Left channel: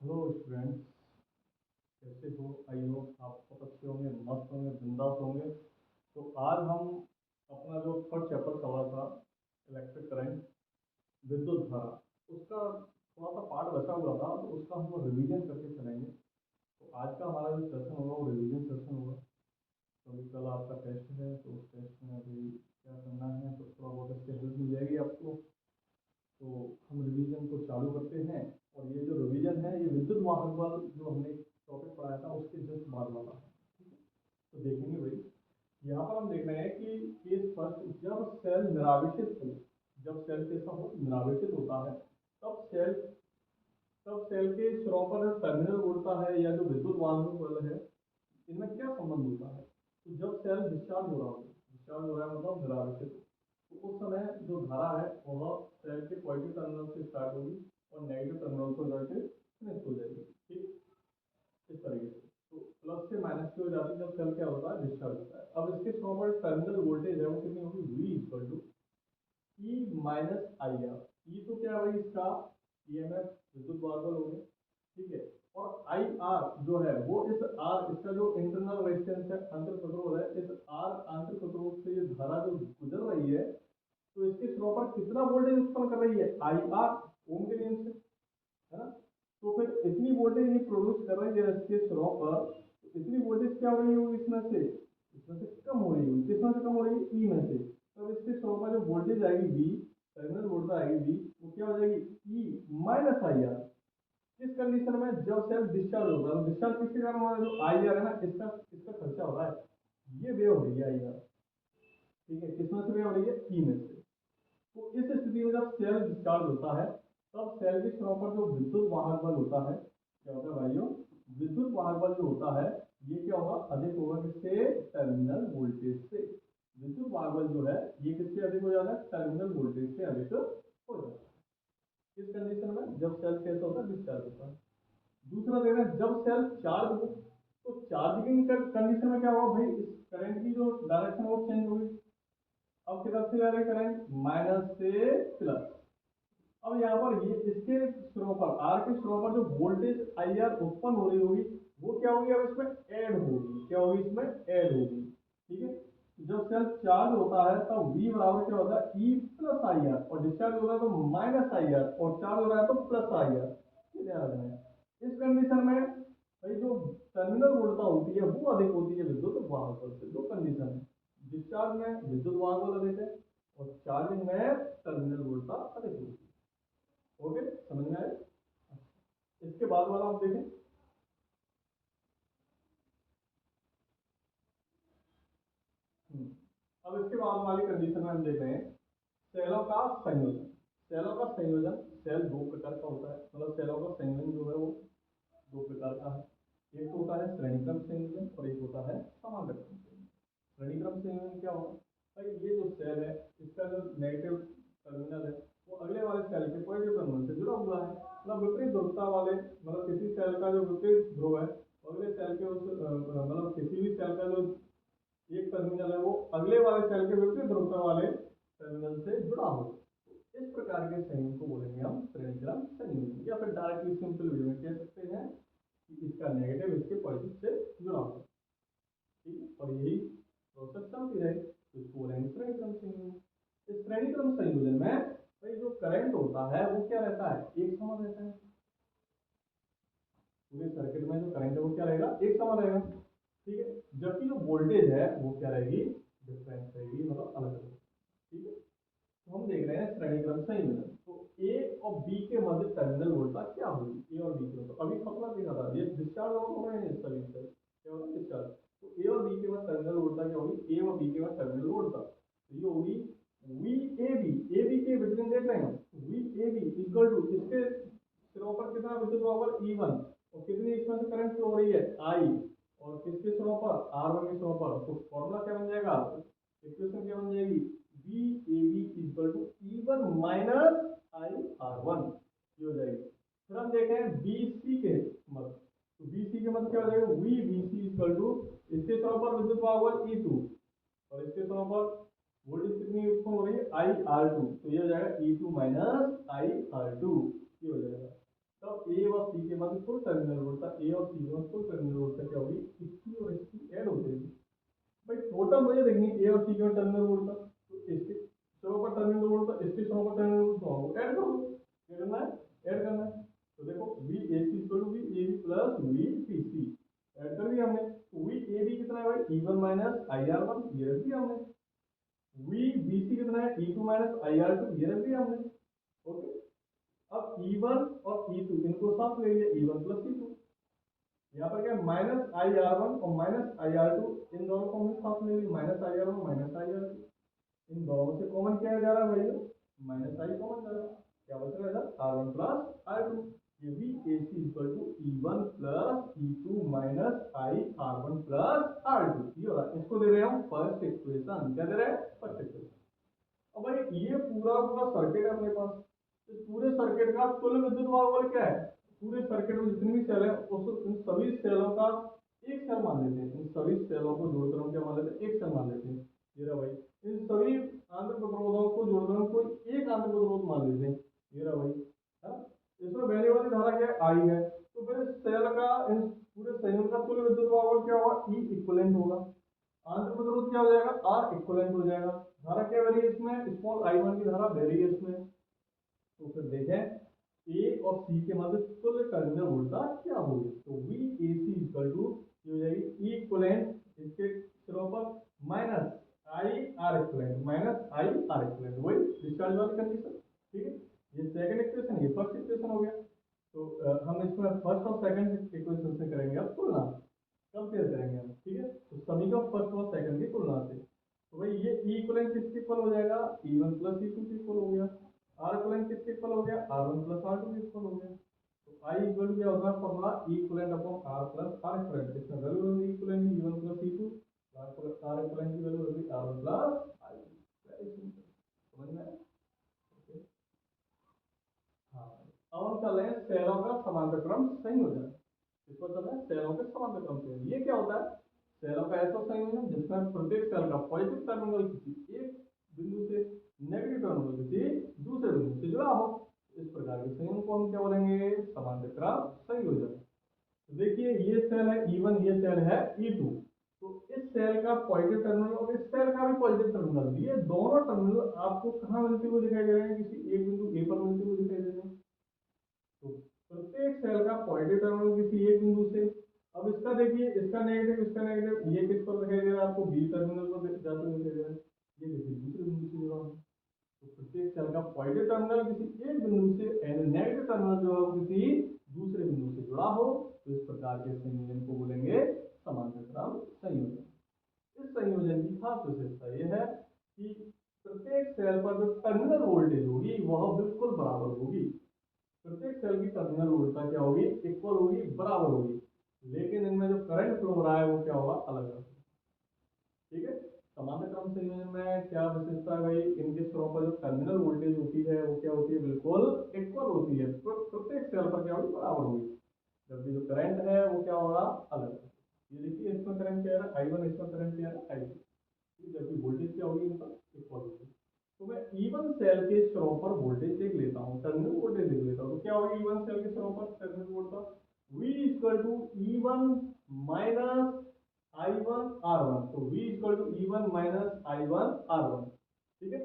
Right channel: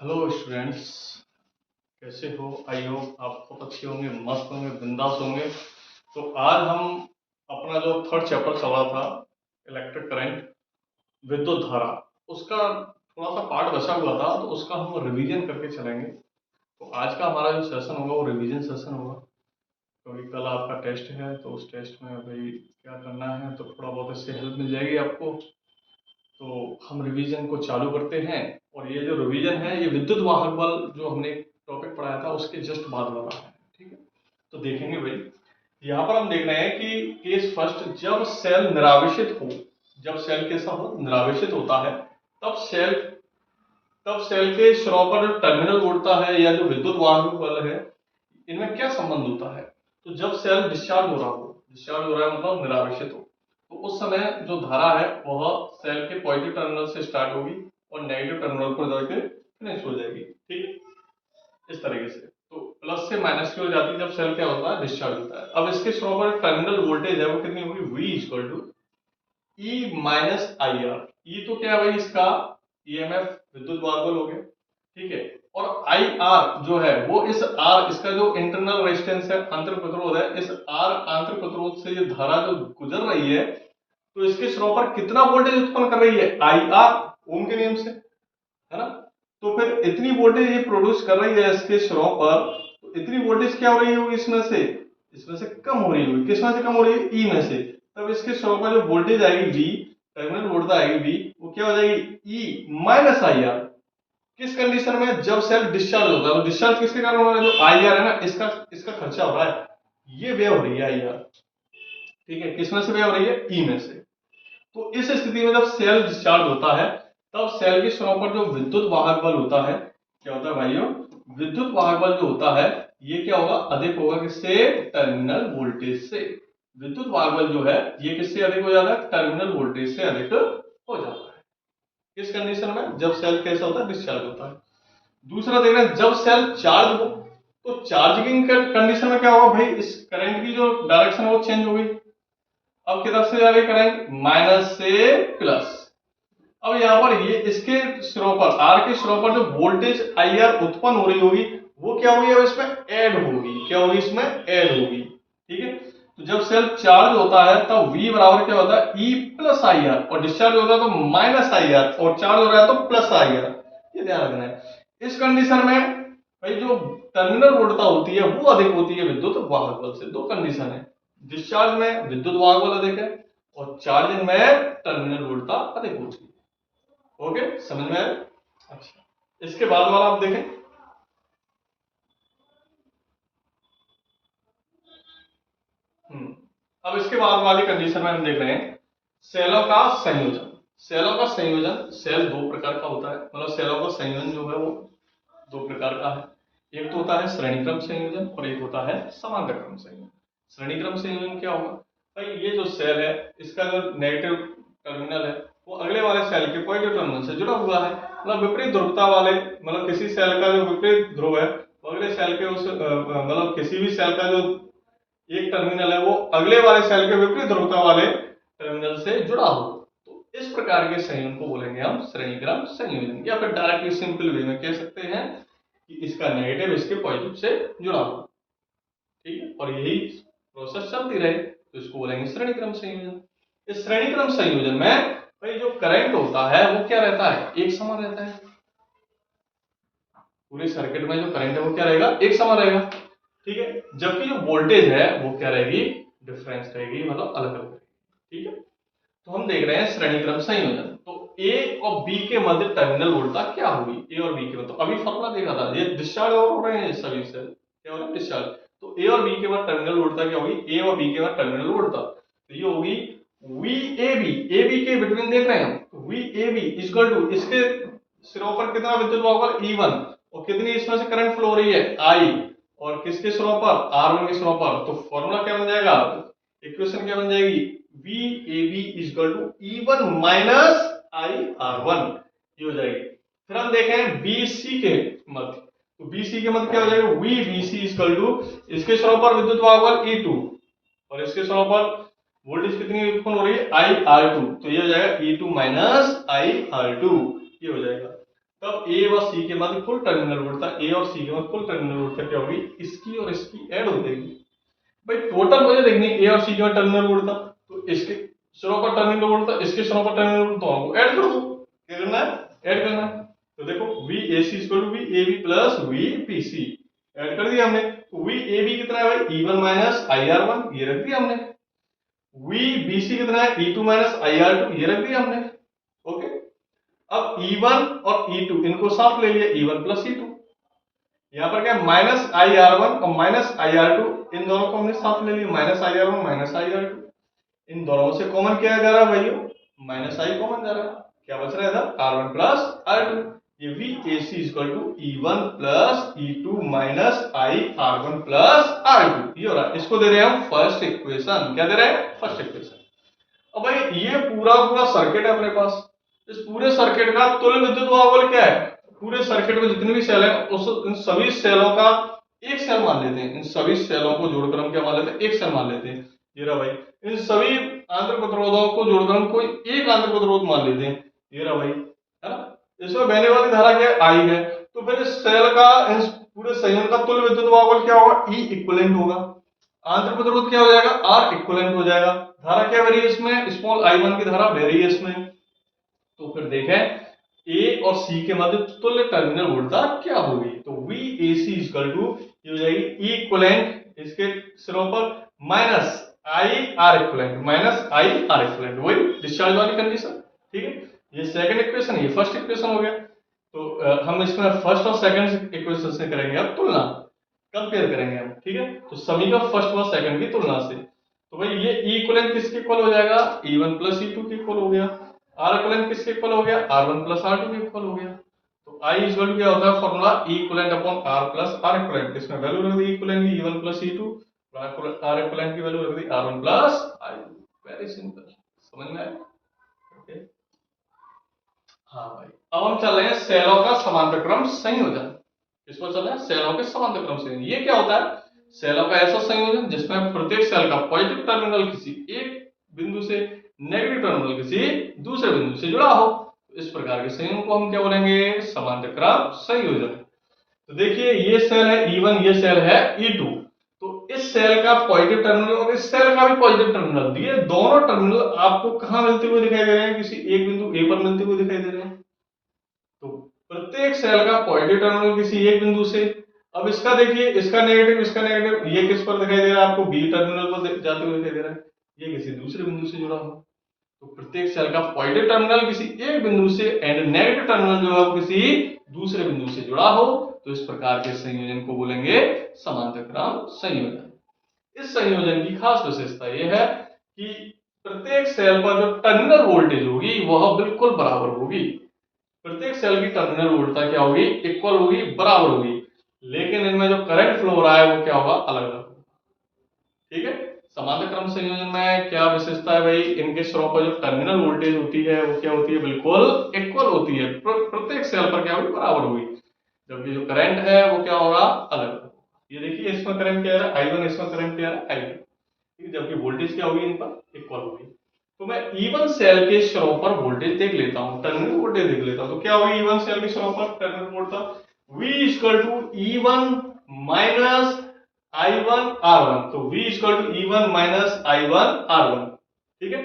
Hello students, कैसे हो? I hope आप बहुत अच्छे होंगे, मस्त होंगे, बिंदास होंगे। तो आज हम अपना जो थर्ड चैप्टर चल रहा था, इलेक्ट्रिक करंट, विद्युत धारा, उसका थोड़ा सा पार्ट बचा हुआ था, तो उसका हम रिवीजन करके चलेंगे। तो आज का हमारा जो सेशन होगा वो रिवीजन सेशन होगा, क्योंकि कल आपका टेस्ट है। तो उस टेस्ट में अभी क्या करना है, तो थोड़ा बहुत इससे हेल्प मिल जाएगी आपको। तो हम रिवीजन को चालू करते हैं। और ये जो रिवीजन है, ये विद्युत वाहक बल जो हमने टॉपिक पढ़ाया था उसके जस्ट बाद वाला है। ठीक है, तो देखेंगे भाई, यहाँ पर हम देख रहे हैं कि केस फर्स्ट, जब सेल निरावेशित हो, जब सेल कैसा हो, निरावेशित होता है, तब सेल के सिरों पर जो टर्मिनल उड़ता है या जो विद्युत वाहक बल है, इनमें क्या संबंध होता है। तो जब सेल डिस्चार्ज हो रहा हो, डिस्चार्ज हो रहा है मतलब निरावेशित हो, तो उस समय जो धारा है वह सेल के पॉजिटिव टर्मिनल से स्टार्ट होगी और नेगेटिव टर्मिनल पर जाकर फिनिश हो जाएगी। ठीक है, इस तरीके से। तो प्लस से माइनस की हो जाती है जब सेल क्या होता है, डिस्चार्ज होता है। अब इसके स्लो पर टर्मिनल वोल्टेज है वो कितनी होगी, V equal to E minus I R. ई तो क्या है भाई, इसका ईएमएफ, विद्युत वाहक हो गया। ठीक है, और आई आर जो है वो इस आर, इसका जो इंटरनल रेजिस्टेंस है, आंतरिक प्रतिरोध है, इस आर आंतरिक प्रतिरोध से ये धारा जो गुजर रही है, तो इसके स्रोत पर कितना वोल्टेज उत्पन्न कर रही है, आई आर, ओम के नियम से, है ना। तो फिर इतनी वोल्टेज ये प्रोड्यूस कर रही है इसके स्रोत पर, तो इतनी वोल्टेज क्या हो रही होगी, इसमें से कम हो रही होगी। किसमें से कम हो रही है, ई में से। तब इसके स्रोत पर जो वोल्टेज आएगी वी, टर्मिनल वोल्टेज आएगी वी, वो क्या हो जाएगी, ई माइनस आई आर। किस कंडीशन में, जब सेल डिस्चार्ज होता है। तो डिस्चार्ज किसके कारण हो रहा है, जो आई आर है ना, इसका इसका खर्चा हो रहा है, ये व्यय हो रही है आई आर। ठीक है, किसमें से व्यय हो रही है, ई में से। तो इस स्थिति में जब सेल डिस्चार्ज होता है, तब सेल के सिरों पर जो विद्युत वाहक बल होता है, क्या होता है भाइयों, विद्युत वाहक बल जो होता है, ये क्या होगा, अधिक होगा किससे, टर्मिनल वोल्टेज से। विद्युत वाहक बल जो है ये किससे अधिक हो जाता है, टर्मिनल वोल्टेज से अधिक हो जाता है। किस कंडीशन में, जब सेल कैसा होता है, डिस्चार्ज होता है। दूसरा देख रहे हैं, जब सेल चार्ज हो, तो चार्जिंग कंडीशन में क्या होगा भाई, इस करंट की जो डायरेक्शन है वो चेंज हो गई। अब किधर से जा रही करंट, माइनस से प्लस। अब यहाँ पर ये इसके सिरों पर, आर के सिरों पर जो वोल्टेज आई आर उत्पन्न हो रही होगी, वो क्या होगी, अब इसमें ऐड होगी। क्या होगी, इसमें ऐड होगी। ठीक है, तो जब सेल चार्ज होता है तब V बराबर क्या होता है, E प्लस आई आर, और डिस्चार्ज होता है तो माइनस आई आर, और चार्ज हो रहा है तो प्लस आई आर। ये ध्यान रखना है। इस कंडीशन में भाई जो टर्मिनल वोल्टता होती है वो अधिक होती है विद्युत वाहक बल से। दो कंडीशन है, डिस्चार्ज में विद्युत वाहक बल अधिक है, और चार्जिंग में टर्मिनल वोल्टता अधिक होती है। ओके, समझ में आया? अच्छा, इसके बाद वाला आप देखें। अब इसके बाद वाली कंडीशन में हम देख रहे हैं सेलों का संयोजन। सेलों का संयोजन, सेल दो प्रकार का होता है, मतलब सेलों का संयोजन जो है वो दो प्रकार का है। एक तो होता है श्रेणी क्रम संयोजन और एक होता है समांतर क्रम संयोजन। श्रेणी क्रम संयोजन क्या होगा भाई, ये जो सेल है इसका जो नेगेटिव टर्मिनल है वो अगले वाले सेल के पॉजिटिव टर्मिनल से जुड़ा हुआ है। मतलब विपरीत ध्रुवता वाले, मतलब किसी सेल का जो विपरीत ध्रुव है वो अगले सेल के उस मतलब किसी भी सेल का जो एक टर्मिनल है वो अगले वाले सेल के विपरीत ध्रुवता वाले टर्मिनल से जुड़ा हो, तो इस प्रकार के संयोजन को बोलेंगे हम श्रेणी क्रम संयोजन। या फिर डायरेक्टली सिंपल वे में कह सकते हैं कि इसका नेगेटिव इसके पॉजिटिव से जुड़ा हो। ठीक है, और यही प्रोसेस चलती रहे तो इसको बोलेंगे श्रेणी क्रम संयोजन। इस श्रेणी क्रम संयोजन में भाई जो करंट होता है वो क्या रहता है, एक समान रहता है। पूरे सर्किट में जो करंट है वो क्या रहेगा, एक समान रहेगा। ठीक है, जबकि जो वोल्टेज है वो क्या रहेगी, डिफरेंस रहेगी, मतलब अलग अलग रहेगी। ठीक है, तो हम देख रहे हैं श्रेणी क्रम संयोजन। तो ए और बी के मध्य टर्मिनल वोल्टता क्या होगी, ए और बी के मध्य। तो अभी फॉर्मूला देखा था, ये डिस्चार्ज हो रहे हैं सभी से, क्या हो रहा है, डिस्चार्ज। तो ए और बी के बाद टर्मिनल वोल्टता क्या होगी, ए और बी के बाद टर्मिनल वोल्टता, तो ये होगी V A B. A B के बिटवीन देख रहे हैं हम, V A B equal to, इसके सिरों पर कितना विद्युत वाहक ई वन, और कितनी इसमें से करंट फ्लो हो रही है, आई, और किसके सिरों पर, आर वन के सिरों पर। तो फॉर्मूला क्या बन जाएगा, इक्वेशन क्या बन जाएगी, V A B equal to E one minus I R one, ये हो जाएगी। फिर हम देखें बी सी के मध्य, तो बी सी के मध्य क्या हो जाएगा, V B C equal to, इसके सिरों पर विद्युत वाहक ई टू, और इसके सिरों पर वोल्टेज कितनी उत्पन्न हो रही है, आई आर टू, तो ये हो जाएगा E two minus I R two, ये हो जाएगा। तब ए व सी के मध्य कुल टर्मिनल वोल्टता, ए और सी के मध्य कुल टर्मिनल वोल्टता क्या होगी, इसकी और इसकी ऐड हो जाएगी। भाई टोटल मुझे देखनी है ए और सी के मध्य टर्मिनल वोल्टता, तो इसके सिरों पर टर्मिनल वोल्टता, इसके सिरों पर टर्मिनल वोल्टता, दोनों को ऐड कर दो। क्या करना है, ऐड करना है। तो देखो VAC equal to VAB plus VPC, add कर दिया हमने। तो VAB कितना है भाई, E1 माइनस IR1, ये रख दिया हमने। VBC कितना है, E2 माइनस IR2, ये रख दिया हमने। ओके, अब E1 और E2 इनको साथ ले लिया, E1 प्लस E2। यहाँ पर क्या माइनस IR1 और माइनस IR2, इन दोनों को हमने साथ ले लिया, माइनस IR1 माइनस IR2। इन दोनों से कॉमन क्या जा रहा है भाइयों, माइनस I कॉमन जा रहा है। क्या बच रहा है इधर, R1 प्लस R2। ये VAC equal to E1 plus E2 minus I R1 plus R2, ये हो रहा है। इसको दे रहे हैं हम फर्स्ट इक्वेशन। क्या दे रहे हैं, फर्स्ट इक्वेशन। अब भाई ये पूरा पूरा सर्किट है अपने पास, इस पूरे सर्किट का तुल्य विद्युत वाहक क्या है, पूरे सर्किट में जितने भी सेल हैं उस इन सभी सेलों का एक सेल मान लेते हैं। इन सभी सेलों को जोड़कर हम क्या मान लेते हैं, एक सेल मान लेते हैं। ये रहा भाई, इन सभी आंतरिक प्रतिरोधों को जोड़कर हम कोई एक आंतरिक प्रतिरोध मान लेते हैं। ये रहा भाई, है ना। इसमें बहने वाली धारा क्या है, आई है। तो फिर इस सेल का, इस पूरे संयुग्म का तुल्य विद्युत वाहक क्या होगा, ई इक्विवेलेंट होगा। आंतरिक प्रतिरोध क्या हो जाएगा, आर इक्विवेलेंट हो जाएगा। धारा क्या बह रही है इसमें, स्मॉल I1 की धारा बह रही है इसमें। तो फिर देखें ए और सी के मध्य तुल्य टर्मिनल वोल्टता क्या होगी। तो VAC इक्वल टू ये हो जाएगी E इक्विवेलेंट इसके सिरों पर minus IR equivalent, minus IR equivalent, वही डिस्चार्ज वाली कंडीशन। ठीक है, ये सेकंड इक्वेशन, ये फर्स्ट इक्वेशन हो गया। तो हम इसमें फर्स्ट और सेकंड इक्वेशन से करेंगे अब तुलना, कंपेयर करेंगे हम। ठीक है, तो समीकरण फर्स्ट व सेकंड की तुलना से। तो भाई ये E इक्विवेलेंट किसके इक्वल हो जाएगा, E1 प्लस E2 के इक्वल हो गया। R इक्विवेलेंट किसके इक्वल हो गया, R1 प्लस R2 के इक्वल हो गया। तो I इक्वल टू क्या होता है formula, E equivalent upon R plus R equivalent. इसमें वैल्यू रख दी E इक्विवेलेंट की E1 plus E2, R equivalent की वैल्यू रख दी R1 plus R2। Very simple, समझ में आया। ओके, हाँ भाई, अब हम चल रहे हैं सेलों का समांतर क्रम संयोजन। इसको चल रहे हैं सेलों के समांतर क्रम संयोजन। ये क्या होता है, सेलों का ऐसा संयोजन जिसमें प्रत्येक सेल का पॉजिटिव टर्मिनल किसी एक बिंदु से, नेगेटिव टर्मिनल किसी दूसरे बिंदु से जुड़ा हो। इस प्रकार के संयोजन को हम क्या बोलेंगे, समांतर क्रम संयोजन। तो देखिए ये सेल है E1, ये सेल है E2। तो इस सेल का पॉजिटिव टर्मिनल और इस सेल का भी पॉजिटिव टर्मिनल, ये दोनों टर्मिनल आपको कहां मिलते हुए दिखाई दे रहे हैं, किसी एक बिंदु A पर मिलते हुए दिखाई दे रहे हैं। तो प्रत्येक सेल का पॉजिटिव टर्मिनल किसी एक बिंदु से। अब इसका देखिए, इसका नेगेटिव, इसका नेगेटिव, ये किस पर दिखाई दे रहा है आपको, बी टर्मिनल पर जाते हुए दिखाई दे रहा है। ये किसी दूसरे बिंदु से जुड़ा हो। तो प्रत्येक सेल का पॉजिटिव टर्मिनल किसी एक बिंदु से एंड नेगेटिव टर्मिनल जो है वो किसी दूसरे बिंदु से जुड़ा हो, तो इस प्रकार के संयोजन को बोलेंगे समांतर क्रम संयोजन। इस संयोजन की खास विशेषता यह है कि प्रत्येक सेल पर जो टर्मिनल वोल्टेज होगी वह बिल्कुल बराबर होगी। प्रत्येक सेल की टर्मिनल वोल्टता क्या होगी, इक्वल होगी, बराबर होगी। लेकिन इनमें जो करंट फ्लो हो रहा है वो क्या होगा, अलग अलग होगा। ठीक है, समांतर क्रम संयोजन में क्या विशेषता है भाई, इनके सिरों पर जो टर्मिनल वोल्टेज होती है वो क्या होती है, बिल्कुल इक्वल होती है। प्रत्येक सेल पर क्या होगी, बराबर होगी। जबकि जो करंट है वो क्या होगा, अलग। ये देखिए इसमें करंट क्या है I1, इसमें करंट क्या है I2। ठीक है, जबकि वोल्टेज क्या होगी इन पर, इक्वल होगी। तो मैं E1 सेल के सिरों पर वोल्टेज देख लेता हूं, टर्मिनल वोल्टेज देख लेता हूं। तो क्या होगी E1 सेल के सिरों पर terminal voltage, V equal to E1 minus I1 R1। तो V equal to E1 minus I1 R1। ठीक है,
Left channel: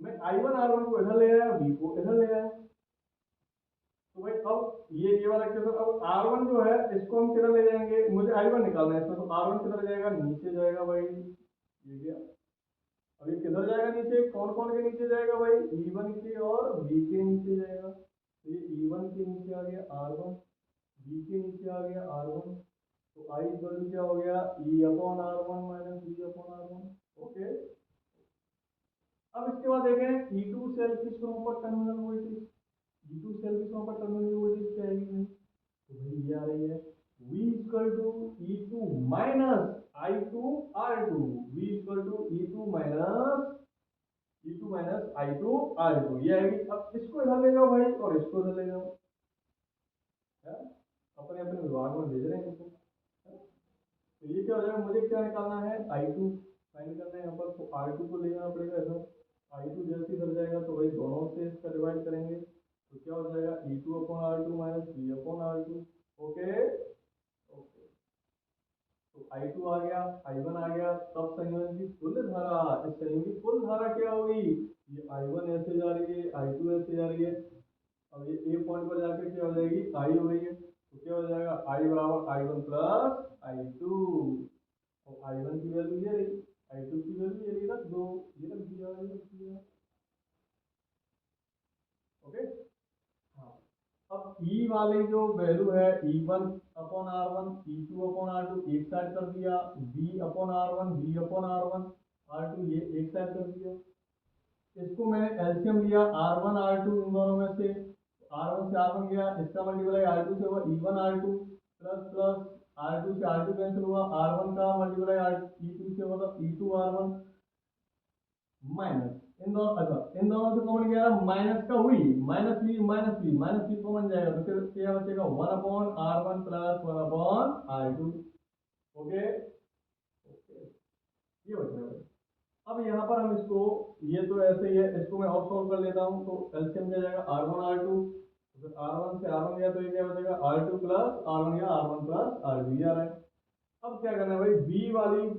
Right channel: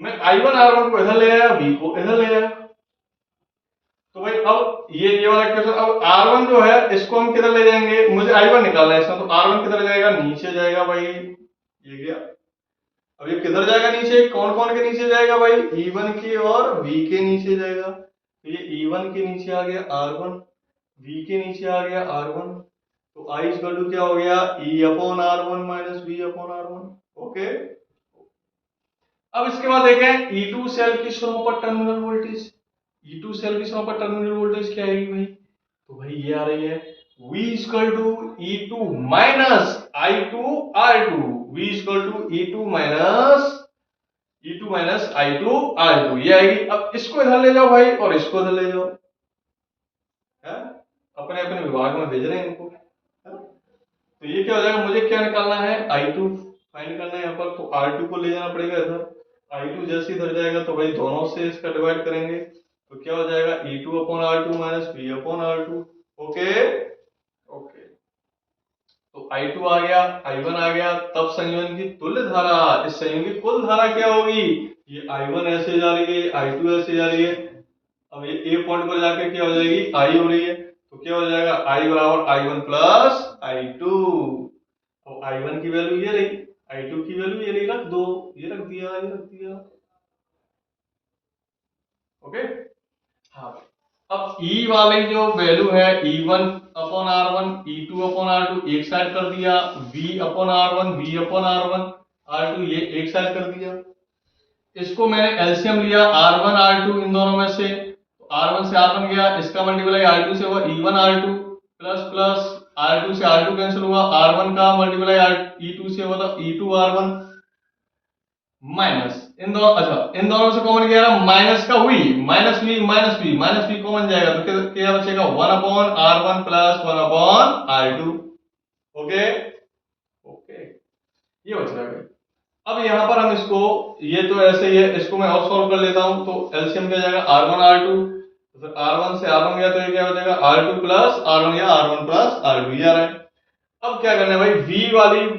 मैं I1 R1 को इधर ले आया, V को इधर ले आया। तो भाई अब ये वाला इक्वेशन, अब R1 जो है इसको हम किधर ले जाएंगे, मुझे I1 निकालना है इसमें। तो R1 किधर जाएगा, नीचे जाएगा भाई, ये गया। अब ये किधर जाएगा नीचे, कौन कौन के नीचे जाएगा भाई, E1 के और V के नीचे जाएगा। तो ये E1 के नीचे आ गया R1, V के नीचे आ गया R1। तो I इक्वल टू क्या हो गया, E upon R1 minus V upon R1। Okay, अब इसके बाद देखें E2 सेल की सिरों पर टर्मिनल वोल्टेज। E2 सेल की सिरों पर टर्मिनल वोल्टेज क्या आएगी भाई, तो भाई ये आ रही है V equal to E2 minus I2 R2। V equal to E2 minus I2 R2, ये आएगी। अब इसको इधर ले जाओ भाई और इसको इधर ले जाओ, है अपने अपने विभाग में भेज रहे हैं इनको, है? तो ये क्या हो जाएगा, मुझे क्या निकालना है, I2 फाइंड करना है यहाँ पर। तो R2 को ले जाना पड़ेगा इधर, I2 जैसे इधर जाएगा तो भाई दोनों से इसका डिवाइड करेंगे। तो क्या हो जाएगा E2 upon R2 minus V upon R2। Okay okay, तो I2 आ गया, I1 आ गया, तब संयोजन की तुल्य धारा, इस संयोजन की कुल धारा क्या होगी, ये I1 ऐसे जा रही है, I2 ऐसे जा रही है, अब ये ए पॉइंट पर जाके क्या हो जाएगी I हो रही है, तो क्या हो जाएगा I बराबर I1 प्लस I2। और I1 की वैल्यू ये रही, I2 की वैल्यू ये रही, रख दो, ये रख दिया, ये रख दिया। ओके, हाँ, अब E वाली जो वैल्यू है E1 upon R1, E2 upon R2 एक साइड कर दिया, V upon R1, V upon R1, R2 ये एक साइड कर दिया। इसको मैंने एलसीएम लिया R1 R2 इन दोनों में से, R1 से R1 गया, इसका मल्टीप्लाई R2 से हुआ E1 R2 plus plus R2 से R2 कैंसिल हुआ, R1 का मल्टीप्लाई E2 से हुआ E2 R1 माइनस इन दोनों, अच्छा इन दोनों से कॉमन गया माइनस का हुई, माइनस वी कॉमन जाएगा तो क्या बचेगा 1 upon R1 plus 1 upon R2। Okay okay, ये बच रहा है। अब यहाँ पर हम इसको, ये तो ऐसे ही है, इसको मैं और सॉल्व कर लेता हूँ, तो एलसीएम क्या जाएगा R1 R2, तो फिर R1 से R1 गया तो ये क्या हो जाएगा R2 प्लस R1 या R1 प्लस R2 ये आ रहा है। अब क्या करना है भाई, V वाली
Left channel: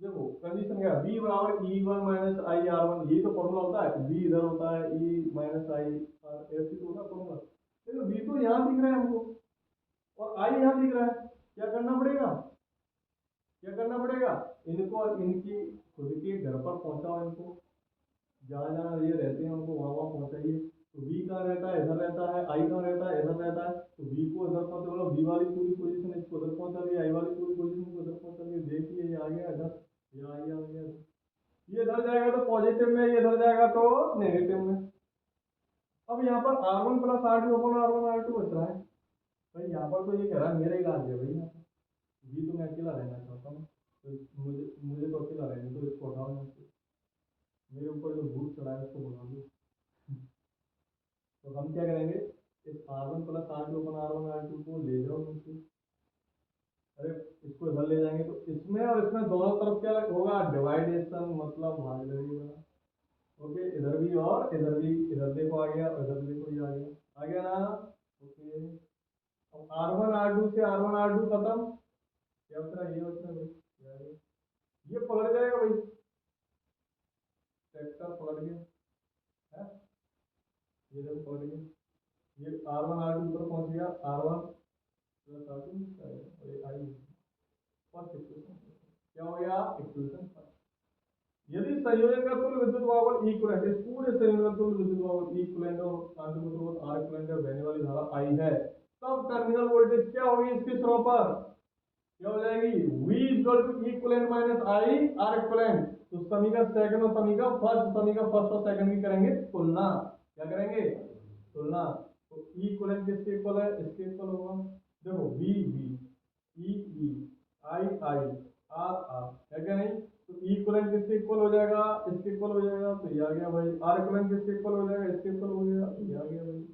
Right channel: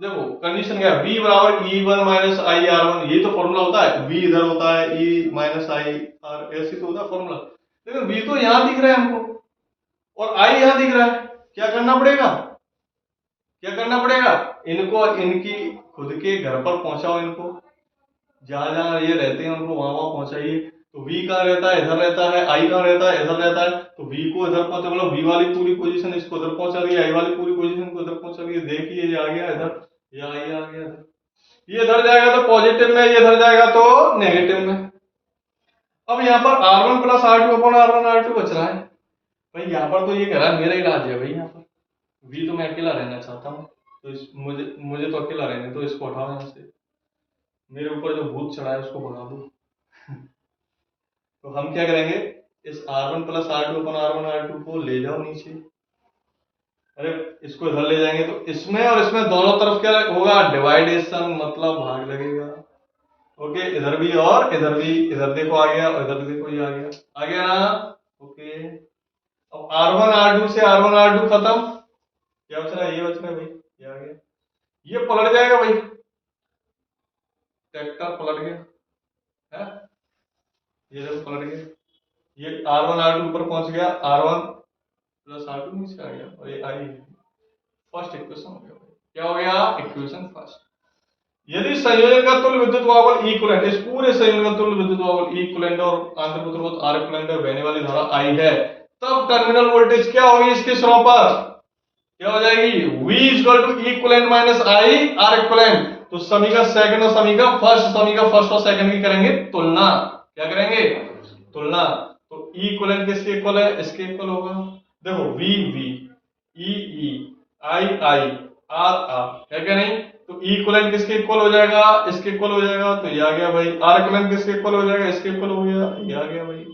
देखो कंडीशन क्या है, V बराबर E1 माइनस I R1, ये तो फॉर्मूला होता है, V इधर होता है E माइनस I R, ऐसे तो होता है फॉर्मूला, लेकिन V तो यहाँ दिख रहा है हमको और I यहाँ दिख रहा है, क्या करना पड़ेगा, क्या करना पड़ेगा, इनको इनकी खुद के घर पर पहुंचाओ, इनको जहां जहां ये रहते हैं उनको वहां वहां पहुंचाइए। तो V कहाँ रहता है, इधर रहता है, I कहाँ रहता है, इधर रहता है, तो V को इधर पहुंचा, मतलब V वाली पूरी पोजीशन इसको इधर पहुंचा दी, I वाली पूरी पोजीशन को इधर पहुंचा दी, देखिए ये आ गया इधर, ये I आ गया इधर, ये इधर जाएगा तो पॉजिटिव में, ये इधर जाएगा तो नेगेटिव में। अब यहाँ पर R1 plus R2 upon R1 R2 बच रहा है भाई, यहाँ पर तो ये कह रहा है मेरा इलाज है भाई, यहाँ पर V तो मैं अकेला रहना चाहता हूँ, तो मुझे मुझे तो अकेला रहने तो इसको हटाओ यहाँ से, मेरे ऊपर जो भूत चढ़ा है उसको भगा दो। तो हम क्या करेंगे, इस R1 प्लस R2 अपन R1 R2 को ले जाओ नीचे, अरे इसको इधर ले जाएंगे तो इसमें और इसमें दोनों तरफ क्या होगा डिवाइडेशन, मतलब भाग लगेगा। ओके, इधर भी और इधर भी, इधर देखो आ गया और इधर देखो ये आ गया ना। ओके, अब R1 R2 से R1 R2 खत्म, क्या बच रहा है, ये बच रहा है भाई, ये आ गया, ये पलट जाएगा भाई, ट्रैक्टर पलट गया है, ये देखो पलट गया, ये R1 R2 ऊपर पहुंच गया, R1 प्लस R2 नीचे आ गया और ये I है, फर्स्ट इक्वेशन हो गया, क्या हो गया इक्वेशन फर्स्ट। यदि संयोजन का तुल्य विद्युत वाहक इक्विवेलेंट, इस पूरे संयोजन का तुल्य विद्युत वाहक इक्विवेलेंट और आंतरिक आर इक्विवेलेंट में बहने वाली धारा I है, तब टर्मिनल वोल्टेज क्या होगी इसके सिरों पर, क्या हो जाएगी V equal to equivalent minus I R equivalent. तो समी का सेकंड और समी का फर्स्ट और सेकंड की करेंगे तुलना, क्या करेंगे तुलना, तो इक्विवेलेंट किसके इक्वल है, इसके इक्वल होगा, देखो V V E E I I R R है क्या नहीं, तो इक्विवेलेंट किसके इक्वल हो जाएगा, इसके इक्वल हो जाएगा, तो ये आ गया भाई, आर इक्विवेलेंट किसके इक्वल हो जाएगा, इसके इक्वल हो गया, ये आ गया भाई।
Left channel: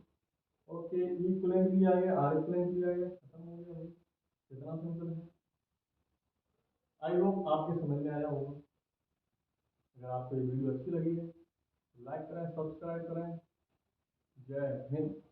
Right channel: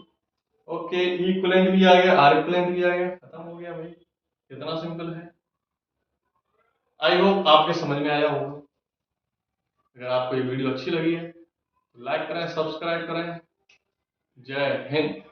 ओके, इक्विवेलेंट भी आ गया, आर इक्विवेलेंट भी आ गया, खत्म हो गया भाई, कितना सिंपल है। आई होप आपके समझ में आया होगा। अगर आपको ये वीडियो अच्छी लगी है तो लाइक करें, सब्सक्राइब करें। जय हिंद।